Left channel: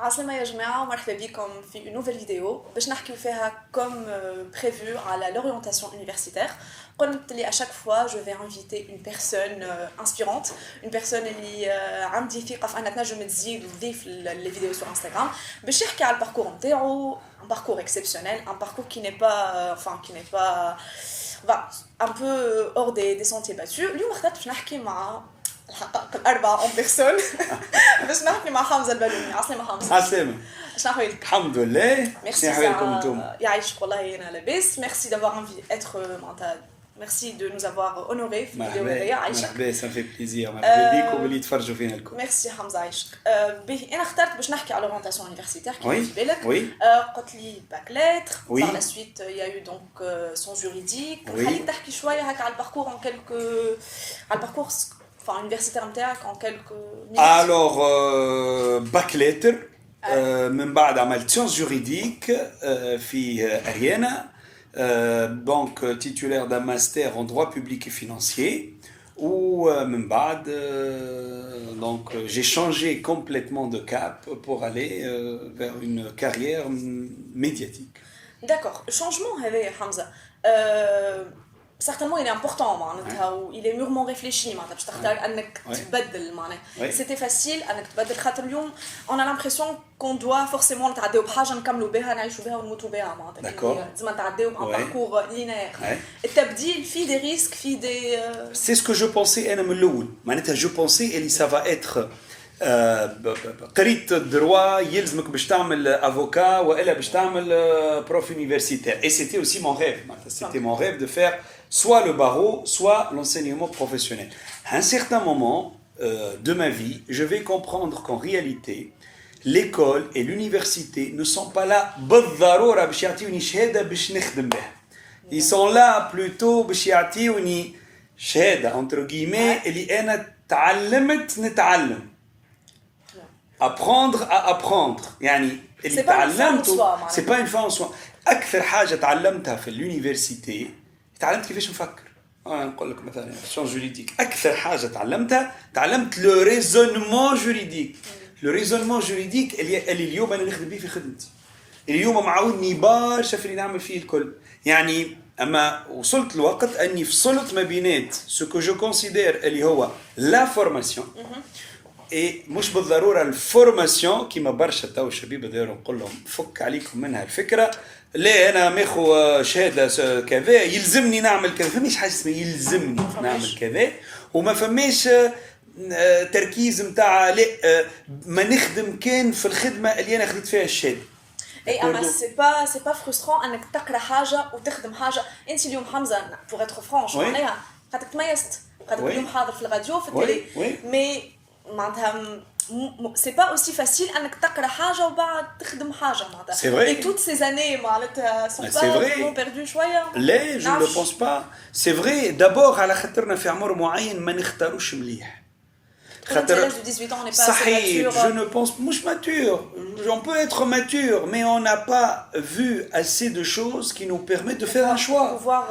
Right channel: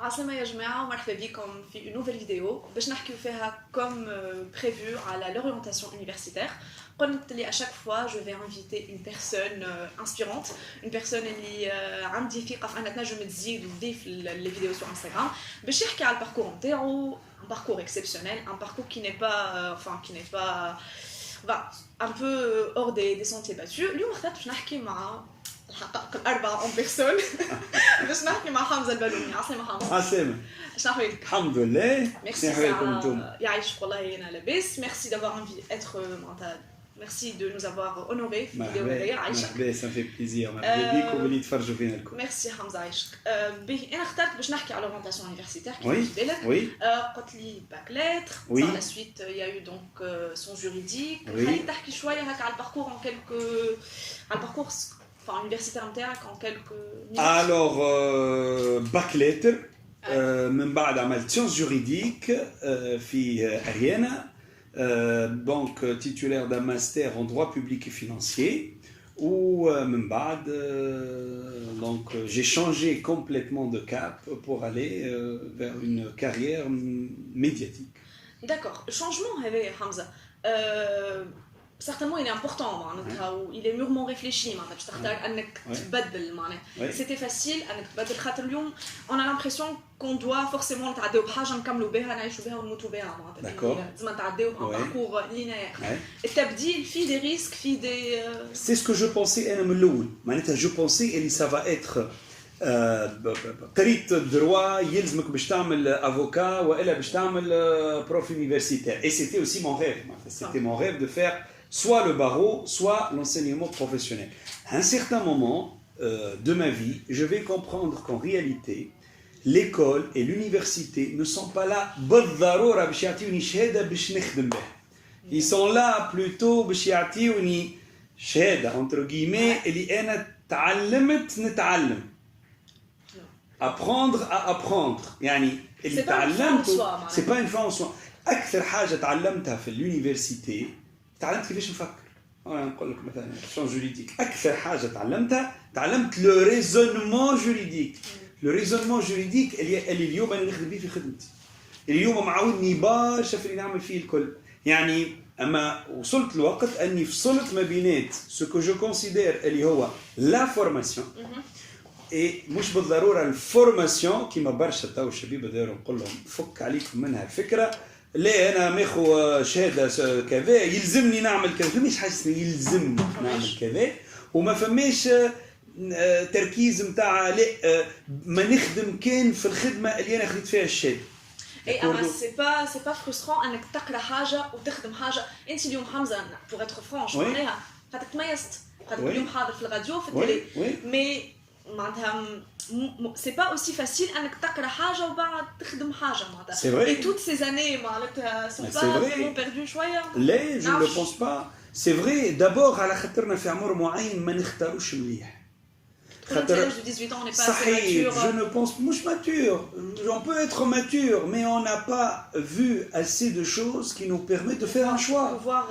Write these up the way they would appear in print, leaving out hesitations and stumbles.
عسلامة يا جماعة ومرحبا بكم في une nouvelle vidéo باش نحكيو فيها comme prévu على l'orientation universitaire. قلت لي à chaque fois je vais inviter une personne inspirante, une personne اللي عندي ثقة في أنها تنجم تزيد وتضيف les vidéos sur Instagram باش يحكي على الباركور نتاعو, un parcours exceptionnel, un parcours qui n'est pas un peu hors des sentiers battus. اليوم اخترت باش نحكي مع الحقائق الأربعة en personne باش نحكي مع حمزة البالوني. عسلامة حمزة. عسلامة. شنو أحوالك؟ الحمد لله. Merci أحوالكم نتوما؟ يعيشك والله أنا لاباس. Merci d'avoir merci de nous avoir honorés في الفيديو هذايا. عايشك. مرحبا ça me fait plaisir. مرحبا بيك واللي يتفرجوا فينا الكل. Merci حمزة عايشك. باهي أنا اخترت باش نحكي على l'orientation universitaire كيف في بالك. Oui. قلت لي باك لتر. Oui. Par la suite il y a eu donc son juridique. Oui. خليك تحكي شوية هكا على الباركور en quelques على الباركور universitaire نتاعك en quelques minutes. Alors باك لتر من بعد عملت سيونس جوريديك في أريانا. Donc titulaire d'un master en droit public et financier où من بعد donc j'ai changé complètement de cap pour aller vers une carrière médiatique. D'accord. Le changement هذا حمزة certainement il est important معناتها il est mûrement réfléchi معناتها باش تختار انك تبدل معناتها. C'était facile انك تبدل خاطر اليوم on a l'impression qu'on doit forcément نتعداو بحاجه نكملوا بها نعيشوا بها ونموتوا بها معناتها. لازم نتعداو بان باركور لينير. التبديل فيه des risques فيه des C'est ce que je pensais انا من الاول معناتها je pensais اللي ça va être قريت الدروا يلزمك باش تعمل افوكا والا باش تعمل بروف يونيفرسيتير. Et c'était aussi mon rêve. C'était mon rêve de faire soit le barreau, soit l'enseignement professionnel. À un certain moment de ma vie, je vais comprendre qu'en réalité, l'école et l'université ne sont pas là بالضرورة باش يعطيوني شهادة باش نخدم بها. Ils sont là plutôt باش يعطيوني شهادة entre guillemets اللي أنا تعلمت نتعلم. Apprendre à apprendre. يعني اللي تعلمته c'est pas une fin en soi. أكثر حاجة تعلمتها في الuniversité تعلمت كيفاش نفكر. نقول لك مثلا سيونس جوريديك أكثر حاجة تعلمت لو ريزونمون جوريديك. لو ريزونمون جوريديك اللي اليوم أنا نخدم به في خدمتي. اليوم معاوني برشا في اللي نعمل فيه الكل. يعني أما وصلت الوقت أني فصلت ما بينات ce que je considère اللي هو la formation. إيه مش بالضرورة الفورماسيون كيما برشا تو الشباب دايروا نقول لهم فك عليكم منها الفكرة. لا أنا ماخو شهادة كذا يلزمني نعمل كذا. فماش حاجة اسمها يلزمني نعمل كذا وما فماش تركيز متاع لا ما نخدم كان في الخدمة اللي أنا خديت فيها الشهادة. اي اما سي با فرسترون انك تقرا حاجة وتخدم حاجة. انت اليوم حمزة بور اتر فرانش معناها خاطر تميزت خاطر اليوم حاضر في الراديو في التلي مي معناتها c'est pas aussi facile انك تقرا حاجه وبعد تخدم حاجه معناتها. C'est vrai. Et toutes ces années معناتها sont pas perdues شويه. لا je ne le pense pas. C'est vrai d'abord على خاطرنا في عمر معين ما نختاروش مليح. خاطر l'âge de 18 ans on n'est pas صحيح. assez mature. Je ne pense مش mature. On peut être mature mais on n'a pas vu assez de choses qui nous permettent de faire un choix. Pouvoir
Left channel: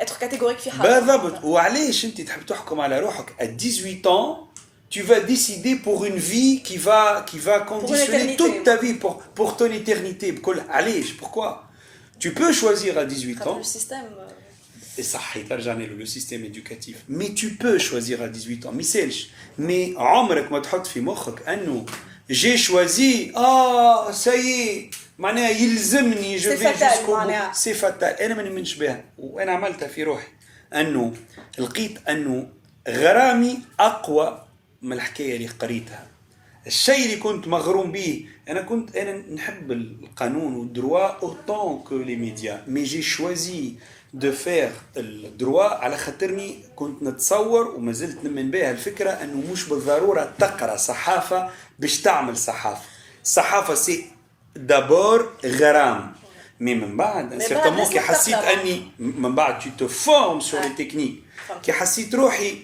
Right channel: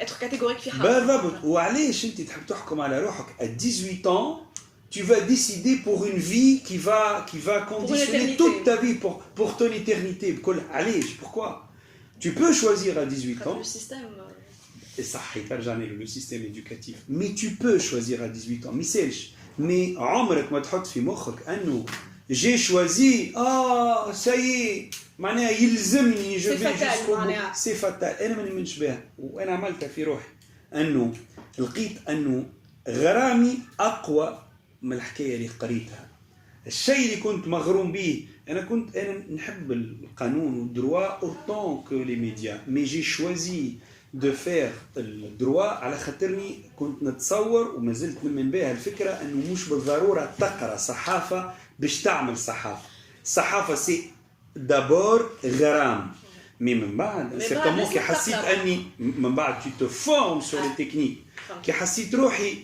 être catégorique في حاجه. بالضبط. وعلاش انت تحب تحكم على روحك à 18 ans tu vas décider pour une vie qui va conditionner toute ta vie pour ton éternité. Pourquoi? Tu peux choisir à 18 ans. Le système. Et ça, le système éducatif. Mais tu peux choisir à 18 ans. Mais عمرك ما تحط في مخك أنه j'ai choisi ça y est معناها يلزمني je vais jusqu'au bout. C'est fatal. أنا ما نؤمنش بها وأنا عملتها في روحي أنه لقيت أنه غرامي أقوى من الحكاية اللي قريتها. الشيء اللي كنت مغروم به أنا نحب القانون والدروا autant que les médias mais j'ai choisi de faire الدروا على خاطرني كنت نتصور وما زلت نؤمن بها الفكرة أنه مش بالضرورة تقرأ صحافة باش تعمل صحافة سي دابور غرام مي من بعد certainement كي حسيت أني من بعد tu te formes sur les techniques كي حسيت روحي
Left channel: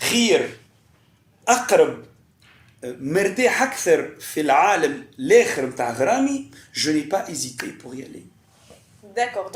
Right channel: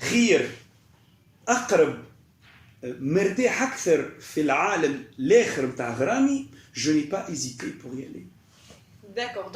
خير أقرب مرتاح أكثر في العالم الآخر متاع غرامي je n'ai pas hésité pour y aller. D'accord,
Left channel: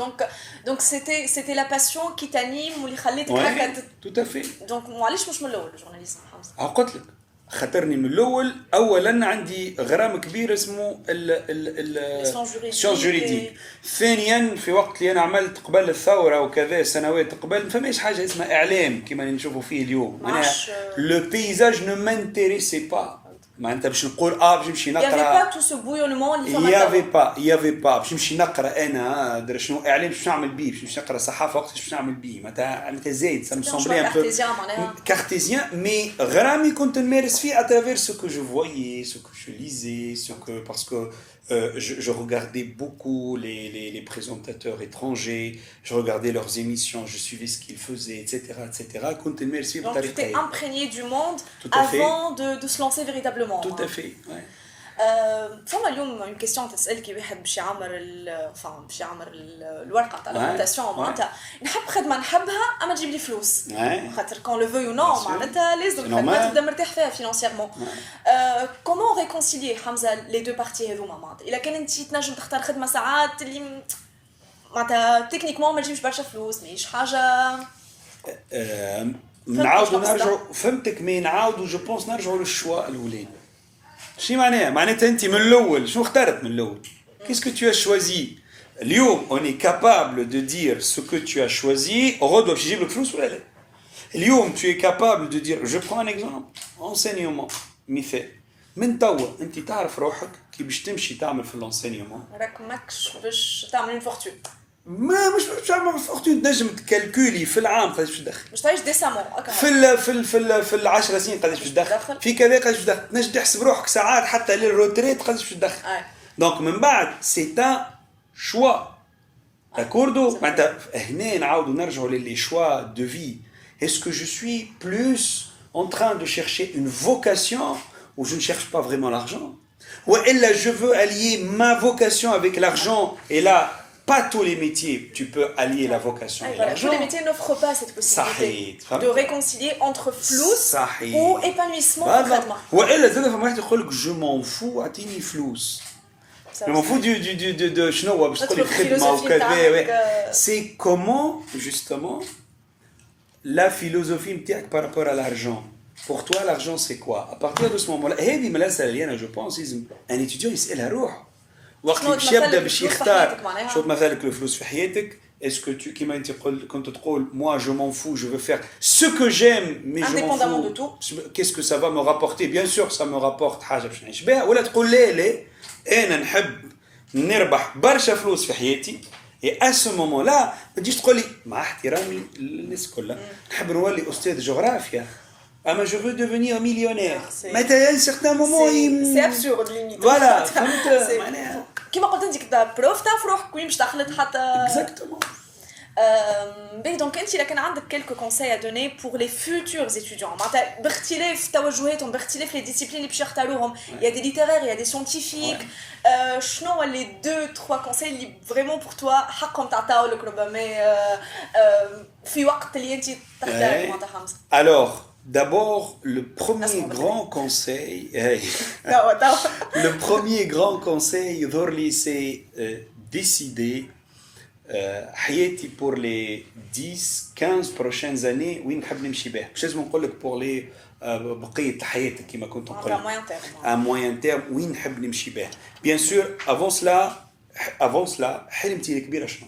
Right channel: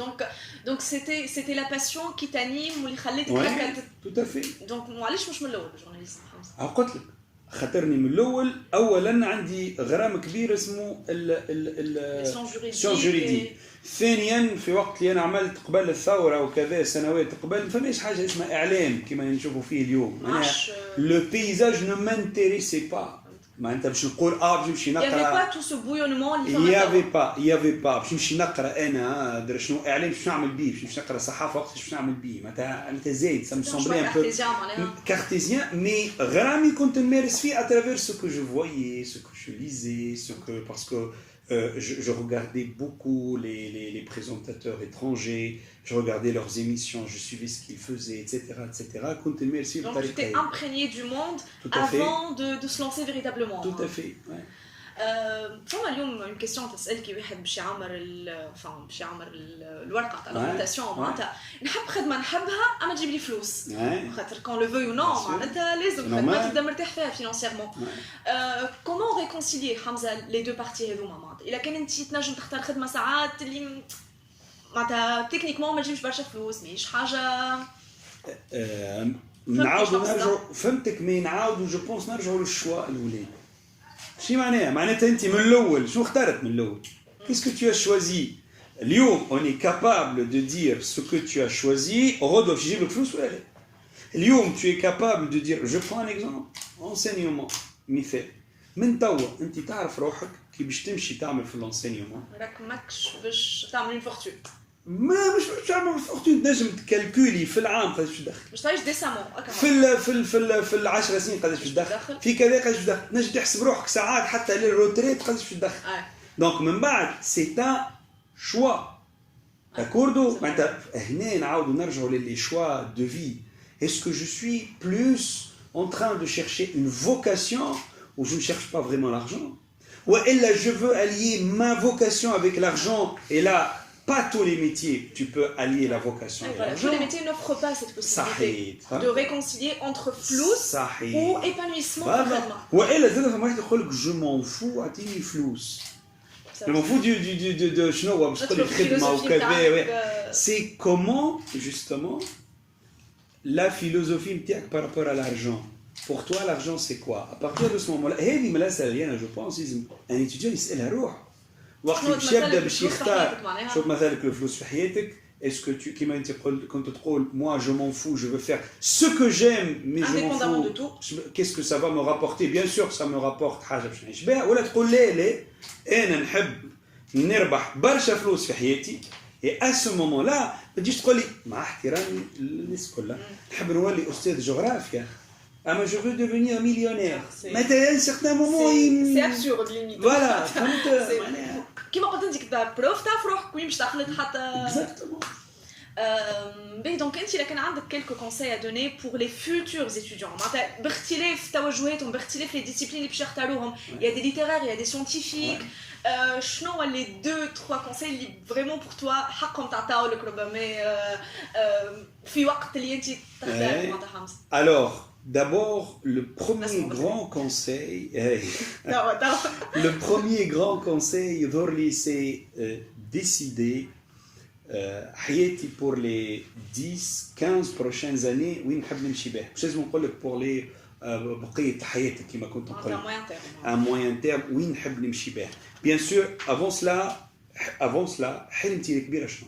donc c'était la passion qui t'anime واللي خليتك هكا. tout à fait. Donc معليش مش من الأول journaliste حمزة. قلت لك خاطرني من الاول اولا عندي غرام كبير اسمه السيونس جوريديك. ثانيا في وقت اللي انا عملت قبل الثوره وكذا سنوات قبل ما فماش حاجه اسمها اعلام كما اللي نشوفوا فيه اليوم. معناها لو بيزاج نو مانتيريسي با. معناتها باش نقول باش نمشي نقرا يافي با تو سو بويونمون اللي يافي با باش نمشي نقرا انا درا شنو اعلام باش نعمل بيه باش نمشي نقرا صحافه وقت باش نعمل بيه معناتها زايد سا مسومبلي ان بو كارتيزيان مي غرامي كنت نمارس فيه اترافير سو كو جو فويي سو كو جو ليزي سو كو باسكو je regardais beaucoup les présentateurs étrangers, je regardais leurs émissions, je suivais ce qu'ils faisaient, etc. etc. Donc tu t'es imprégné du monde avant de se lancer véritablement. Tout à fait, ouais. فما اليوم une question تسأل كي واحد باش يعمر الورقة تاع الانفيتاسيون معناتها نحب خدمة نحبها أما تجيب لي فلوس خاطر كون لو فوي نو معناتها لازم خدمة تبدا مرتاح فيها فينانسيرمون. كومون ريكونسيليي حمزة لي دو بارتي هذوما معناتها إلا كان أنت تنجم تختار خدمة ساعات اللي معناتها تكنيكمون ما تجيبش برشا فلوس ماهيش حاجة نعاودو نرجعو فهمتك مي نعاودو جو بونس نرجعو للشوا الأولاني. شنو معناتها انت من الاول شنو اخترت من الاول qu'est-ce que tu as choisi اليوم on est capable de dire ce que tu as choisi غدوه باش يجيب لك فلوس ولا لا اليوم tu es capable de dire je prends un exemple enseignement مثال من توا انت تعرف روحك كي باش تمشي تعمل في الانسينيومون راك ماكش باش تعمل اون فورتون مش تعمل فورتون تنجم تكالكولي في العام قداش باش تدخل باش تعيش ديسامون في ال10 سنين قداش باش تدخل في كذا قداش باش تدخل تنجم تحسب روحك ساعات حتى للروتريت قداش باش تدخل دونك من بعد سي ان شوا داكوردو معناتها هنا نعاودو نرجعوا للي شوا دو في اسكو جو سوي بلوس en train de chercher une vocation ou je ne cherche pas vraiment l'argent ou elle je veux allier ma vocation avec l'argent et là pas tous les métiers tu peux allier la vocation et l'argent. Tous les métiers n'offrent pas cette possibilité de réconcilier entre flous ou épanouissement concrètement. ou elle زاد فما واحد يقول لك je m'en fous اعطيني فلوس. je m'en fous de شنو باش تقول لي خدمه وكذا. c'est comment justement la philosophie نتاعك par rapport à l'argent. Pour toi, l'argent, c'est quoi? À partir de ce moment-là, هذه من الأسئلة اللي أنا جو بونس لازم ان étudiant يسألها روحه. وقت اللي باش يبدا باش يختار شوف مثالك الفلوس في حياتك. Est-ce que tu كيما أنت كنت تقول moi je m'en fous, je veux faire ce que j'aime, mais je m'en fous. De tout. Qu'est-ce que ça va me rapporter? Bien sûr, ça me rapporte حاجة باش نعيش بها. ولا تقول لا أنا نحب نربح برشا فلوس في حياتي. Et à ce moment-là, ما تجيش تقول لي مع احترامي للناس كلها نحب نولي أستاذ جغرافيا. Ah mais je veux devenir millionnaire. Mais à un certain moment c'est absurde limite. Voilà. كيما قلت انت كدا بروف تعرف روحك وين باش تخلط حتى. Exactement. Donc انت كان عندك quelques conseils à donner pour les futurs étudiants. معناتها باختلاف توجهاتهم باختلاف les disciplines اللي باش يختاروهم. Il y a des littéraires, il y a des scientifiques. شنو هو les 2-3 conseils اللي vraiment pour toi حقهم تعطاو لك ربما في وقت اللي انت تختار معناتها حمزة. Alors d'abord, le premier grand conseil, le premier grand conseil, c'est décider حياتي pour les 10-15 prochaines années وين نحب نمشي بها. مش لازم نقول لك pour les بقية حياتك كما كنت نقول. À moyen terme وين نحب نمشي بها. Bien sûr, avant cela, حلمتي الكبيرة شنو؟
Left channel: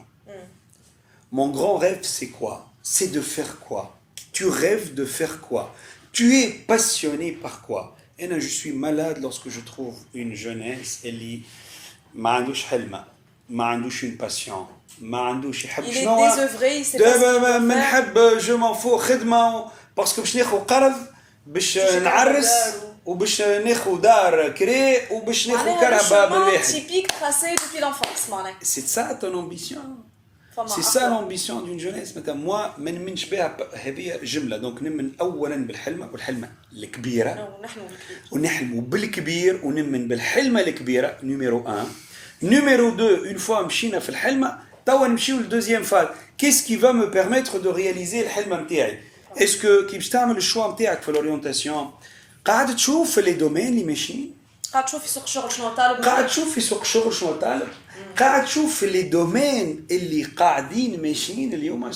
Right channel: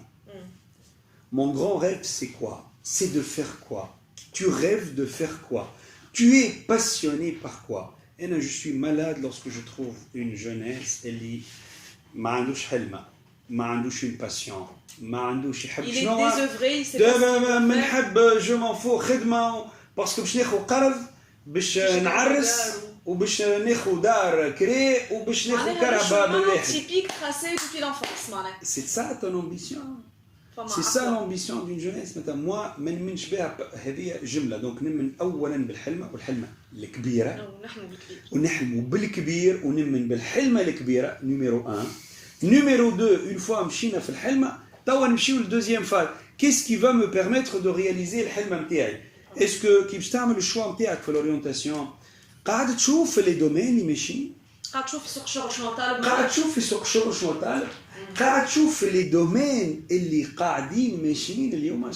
Mon grand rêve, c'est quoi? C'est de faire quoi? Tu rêves de faire quoi? Tu es passionné par quoi? Et là, je suis malade lorsque je trouve une jeunesse اللي ما عندوش حلمة، ما عندوش une passion، ما عندوش يحب شنو. Il est désœuvré, il sait pas ce qu'il veut ما نحب je m'en fous خدمة باسكو باش ناخذ قرض باش نعرس وباش ناخذ دار كري وباش ناخذ كهرباء بالواحد. C'est typique tracé depuis l'enfance معناها. C'est ça ton ambition? C'est ça l'ambition d'une jeunesse. Moi, je ne suis pas هذه جملة. Donc نؤمن أولاً بالحلمة والحلمة الكبيرة. ونحلم بالكبير ونؤمن بالحلمة الكبيرة. Numéro 1. Numéro 2. Une fois مشينا في الحلمة, توا نمشيو للدوزيام فاز. Qu'est-ce qui va me permettre de réaliser الحلمة نتاعي? Est-ce que كي باش تعمل الشوا نتاعك في l'orientation, قاعد تشوف les domaines اللي ماشيين. قاعد تشوف في سوق الشغل شنو طالب. قاعد تشوف في سوق الشغل شنو طالب، قاعد تشوف في لي دومين اللي قاعدين ماشيين اليوم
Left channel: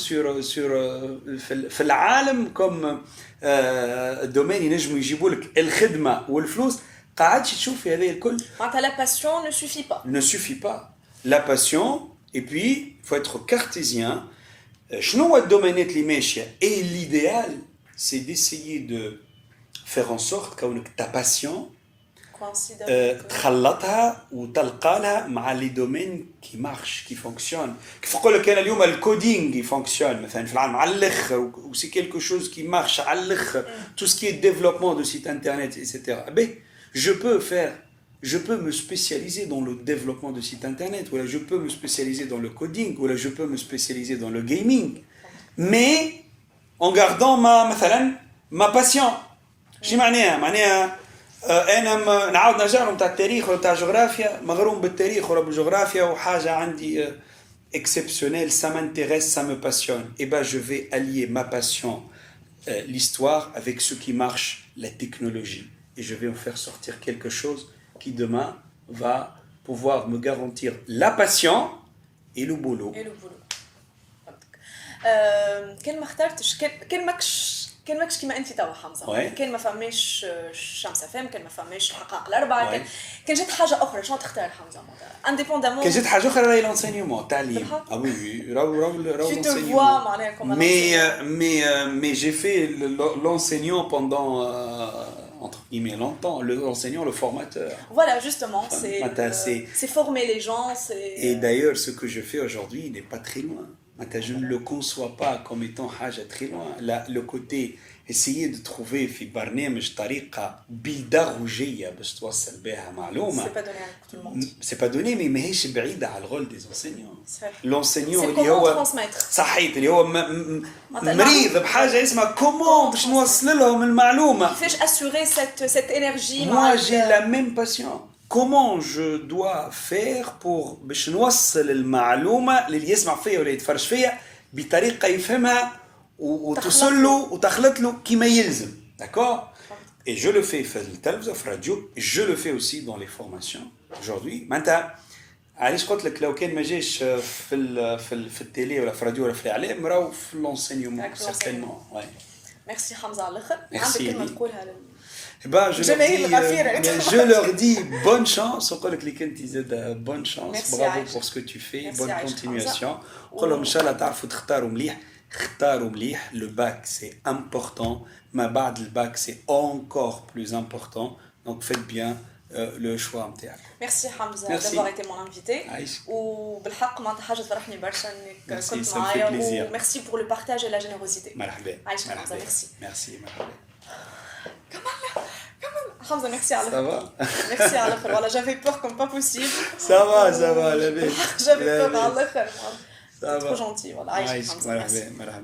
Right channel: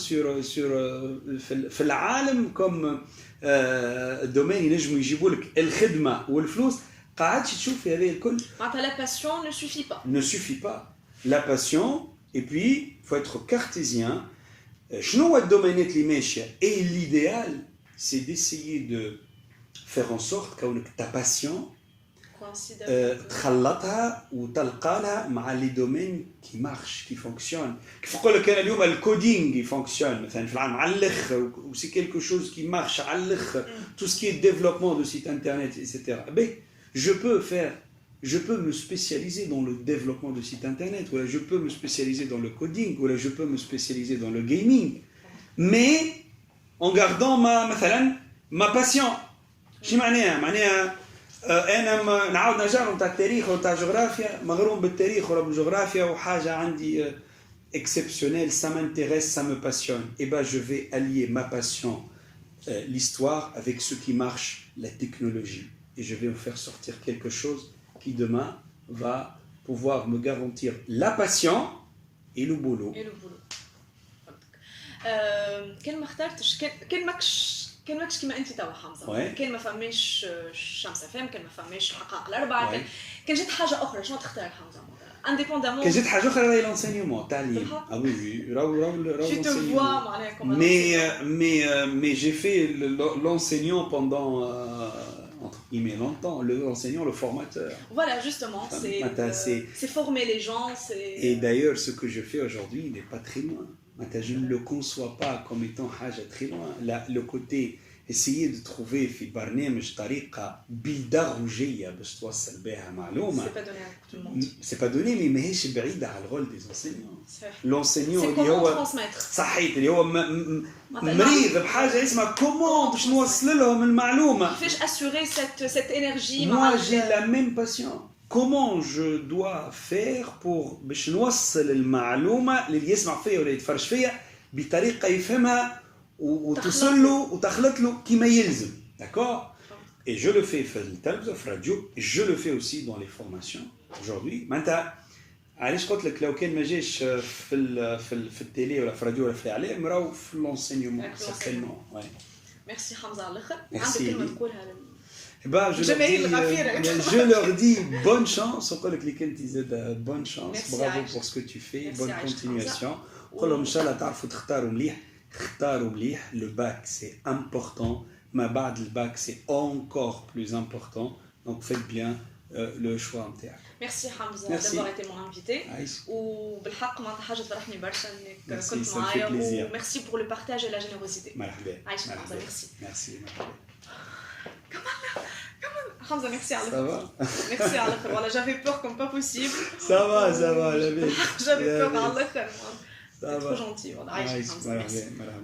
في العالم كوم الدومين ينجموا يجيبوا لك الخدمه والفلوس، قاعد تشوف في هذه الكل. معناتها لا باسيون ne suffit pas. Ne suffit pas. La passion, et puis il faut être cartésien. شنو هو الدومينات اللي ماشيه؟ Et l'idéal, c'est d'essayer de faire en sorte كونك ta passion تخلطها وتلقى لها مع لي دومين كي مارش كي فونكسيون. كيف نقول لك انا اليوم الكودينغ يفونكسيون مثلا في العالم على الاخر، وسي كيلكو شوز كي مارش على الاخر، تو سكي ديفلوبمون دو سيت انترنت ايتترا. بي je peux me spécialiser dans le développement de sites internet, ou je peux me spécialiser dans le coding, ou je peux me spécialiser dans le gaming, mais en gardant ma passion. شي معناها انا نعاود نرجع لهم تاع التاريخ ولا تاع الجغرافيا، مغروم بالتاريخ ولا بالجغرافيا وحاجه عندي exceptionnelle, ça m'intéresse, ça me passionne. Et ben je vais allier ma passion, l'histoire, avec ce qui marche, la technologie, et je vais en faire sortir quelque chose qui demain va pouvoir me garantir la passion et le boulot. كان ما اخترتش، كان ماكش كيما انت توا حمزه، كان ما فماش شمس فهم، كان ما فماش حقائق الاربعه، كان جات حاجه اخرى، شنو تختار حمزه انديبوندامون؟ كان جات حاجه اخرى راهي لونسينيومون التعليم. اه وي راهو لونسينيومون. mais j'ai fait l'enseignant pendant entre guillemets longtemps, l'enseignant, le formateur. Voilà, justement, c'est former les gens, Et d'ailleurs, ce que je fais aujourd'hui n'est pas très loin. Je ne le conçois pas comme étant حاجة très loin. Le côté essayer de trouver في برنامج طريقة بيداغوجية باش توصل بها معلومة. C'est pas donné, mais ماهيش بعيدة على الرول des enseignants. L'enseignant اللي هو صحيت اللي هو مريض بحاجة اسمها كومون باش نوصل لهم المعلومة. كيفاش assurer cette énergie. Moi j'ai la même passion. Comment je dois faire pour باش نوصل المعلومة اللي يسمع فيها ولا يتفرج فيها بطريقة يفهمها وتصل له وتخلط له كما يلزم. D'accord? Et je le fais في التلفزة في الراديو، je le fais aussi dans les formations. Aujourd'hui, معناتها علاش قلت لك لو كان ما جاش في التيلي ولا في الراديو ولا في الإعلام راهو في l'enseignement certainement. Ouais. Merci حمزة على الآخر. عندك كلمة تقولها Ben, je leur dis bonne chance. Bonne chance. Merci bravo pour ce que tu fais. Merci bonne continuation. Le bac, c'est important. Mais le bac, c'est encore plus important. Donc, faites bien le choix. Merci Hamza d'avoir été mon invité. وبالحق معناتها حاجة تفرحني برشا انك كنت معايا. Merci pour le partage et la générosité. مرحبا. Merci. Merci. Hamza, merci à Ça va? Merci à l'autre. Voilà, j'avais peur comme pas possible. Ça va, la vie. J'avais peur à l'autre. C'est trop gentil. Voilà.